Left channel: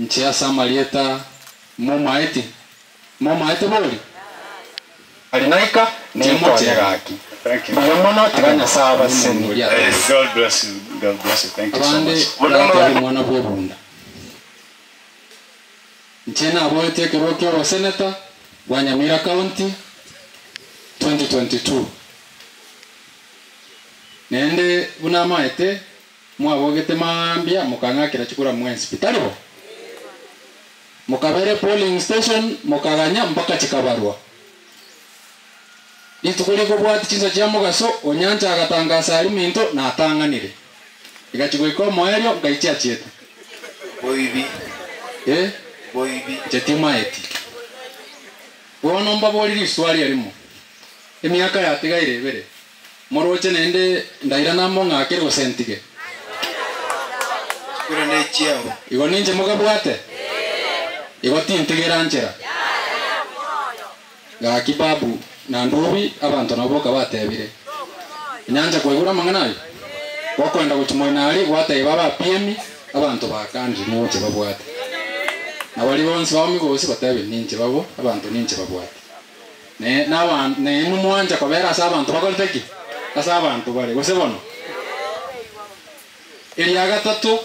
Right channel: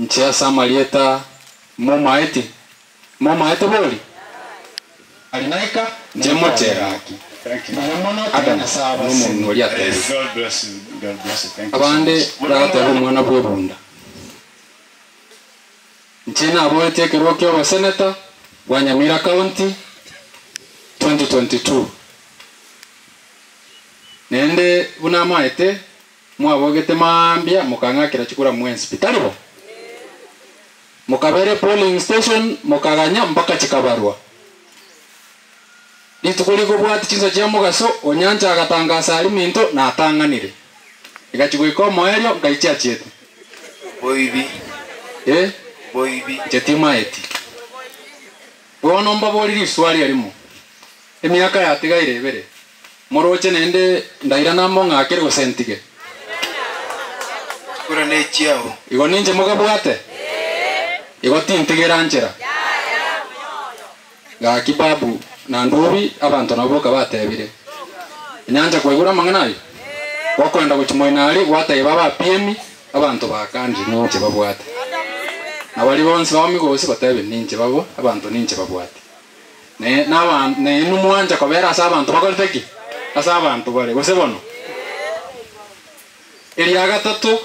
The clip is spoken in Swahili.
nchea samalieta momaeti boli alinaika Thank you. aganya saba God bless you. God bless you. Thank you so abande much. rata mwana bwebunda nchena aboete kirokyo wa senator wa Nyamira County 2022 nende bunamaete mwabogete mambia mukangakira chikura mwensi bitaribo mukabere polling station mukaganya mpaka chikabarwa nitukuliko bwati chinza cha mugaso onyanja agatangasa ali minto na atanganire igachigwiko moelyo ngaichia chetu Boibi. boibi chetimaeti wono mbaboli swali alimo emyaka yatigaire bere moroche nende ndaira nambo ngakere gosentige Kura nechiao. igo ninje mugabwate igo tintigera njera ga kibabu na ndobi abantu naboka batebire nyanja kwegura manganayo wakwenda guchimoinali gwate baba PM abantu bakanje nyoche babwate na bali bonse bamigosi batebe ninje babo abantu ninje babwate ne n'abantu ne numwanja kobera asa abantu bakoleteki asa abantu bale gose bono eli agatatu